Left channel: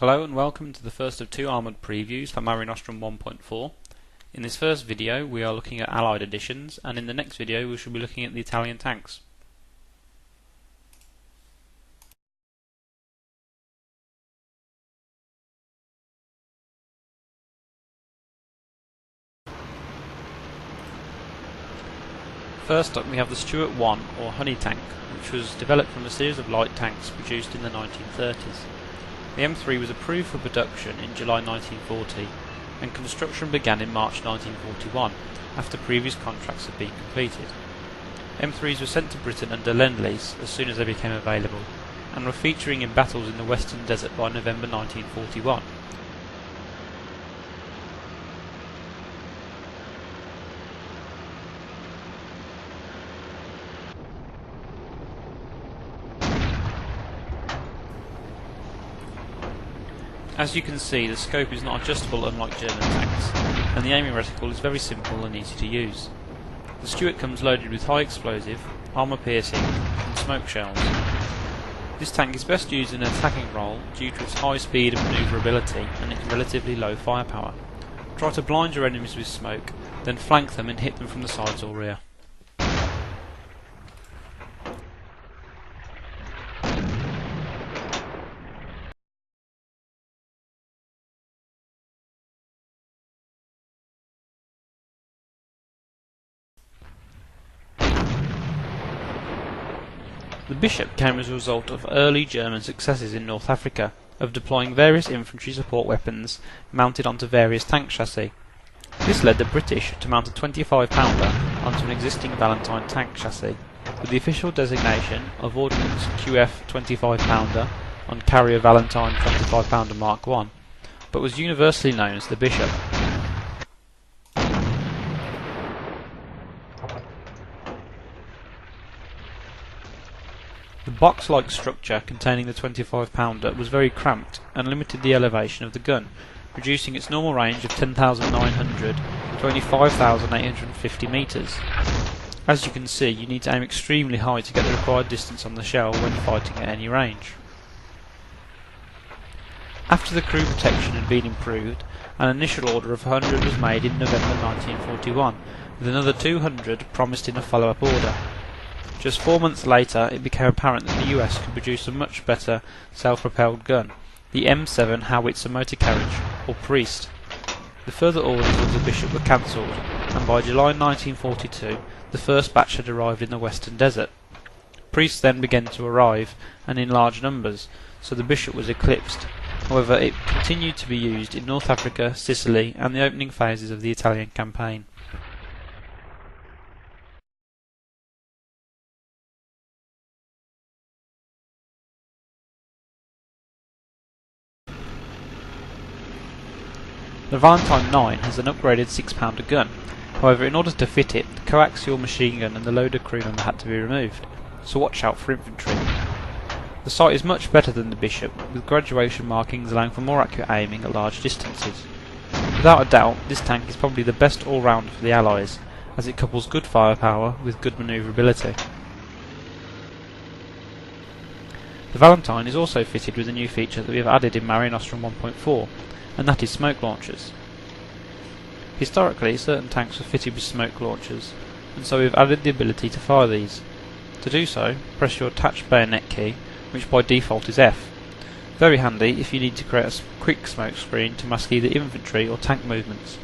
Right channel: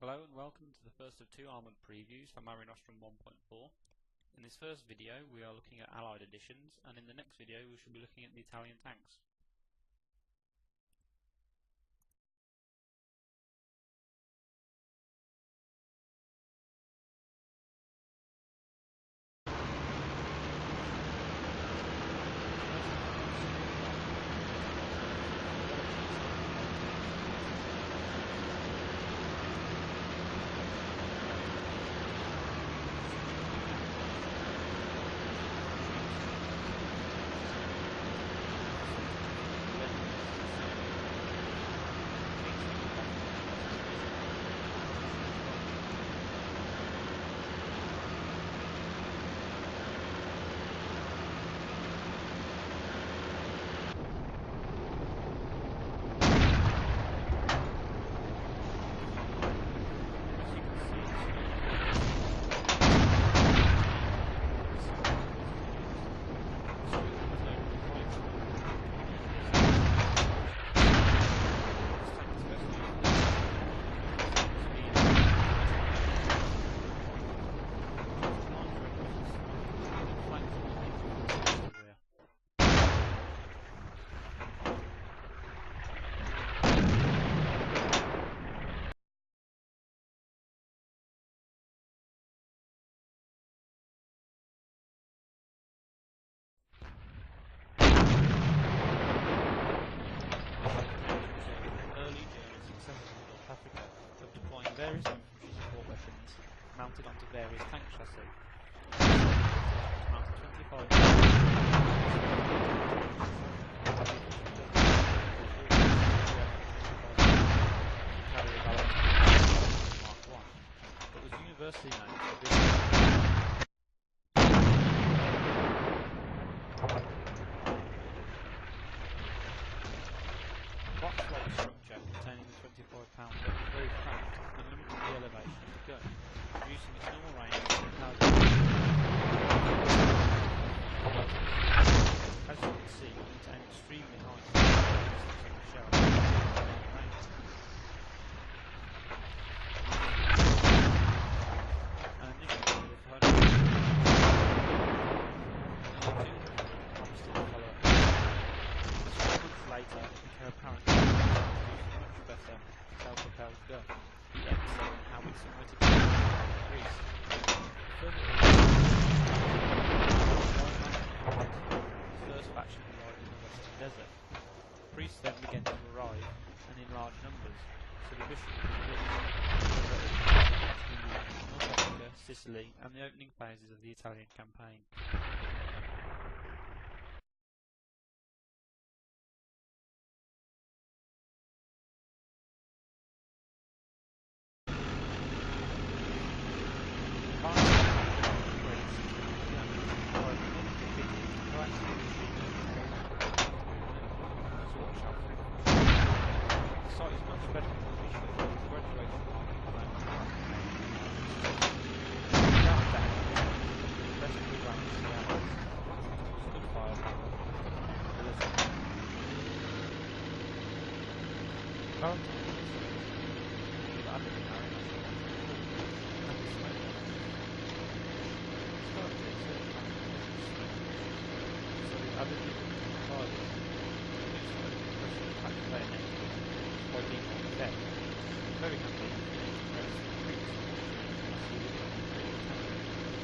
Hello and welcome to the first of two armoured previews for Mare Nostrum 1.4. In this first video we are looking at Allied editions, and in the next video we shall be looking at the Italian tanks. First up we have the Stuart I, or Honey tank, which was developed from a series of light tanks produced in the 1930s. The M3 was approved for production in July 1940, and construction began in March 1941, after previous contracts had been completed. M3s were sent to Britain under Lend-Lease as soon as they became available, and were featuring in battles in the Western Desert by November 1941. As you can see, the scope is not adjustable unlike German tanks, and the aiming reticle is very simple and easy to use. The Stuart comes loaded with high explosive, armour piercing, and smoke shells. This tank is best used in an attacking role due to its high speed and manoeuvrability and its relatively low firepower. Try to blind your enemies with smoke, then flank them and hit them from the sides or rear. The Bishop came as a result of early German successes in North Africa, of deploying various infantry support weapons mounted onto various tank chassis. This led the British to mount a 25-pounder onto an existing Valentine tank chassis, with the official designation of Ordnance QF 25-pounder on carrier Valentine 25-pounder Mark I, but was universally known as the Bishop. The box-like structure containing the 25-pounder was very cramped and limited the elevation of the gun, reducing its normal range of 10,900 to only 5,850 metres. As you can see, you need to aim extremely high to get the required distance on the shell when fighting at any range. After the crew protection had been improved, an initial order of 100 was made in November 1941, with another 200 promised in a follow-up order. Just 4 months later, it became apparent that the US could produce a much better self-propelled gun, the M7 Howitzer motor carriage, or Priest. The further orders of the Bishop were cancelled, and by July 1942, the first batch had arrived in the Western Desert. Priests then began to arrive, and in large numbers, so the Bishop was eclipsed. However, it continued to be used in North Africa, Sicily, and the opening phases of the Italian campaign. The Valentine IX has an upgraded 6-pounder gun. However, in order to fit it, the coaxial machine gun and the loader crew member had to be removed, so watch out for infantry. The sight is much better than the Bishop, with graduation markings allowing for more accurate aiming at large distances. Without a doubt, this tank is probably the best all-round for the Allies, as it couples good firepower with good manoeuvrability. The Valentine is also fitted with a new feature that we have added in Mare Nostrum 1.4, and that is smoke launchers. Historically, certain tanks were fitted with smoke launchers, and so we have added the ability to fire these. To do so, press your attached bayonet key, which by default is F. Very handy if you need to create a quick smoke screen to mask either infantry or tank movements.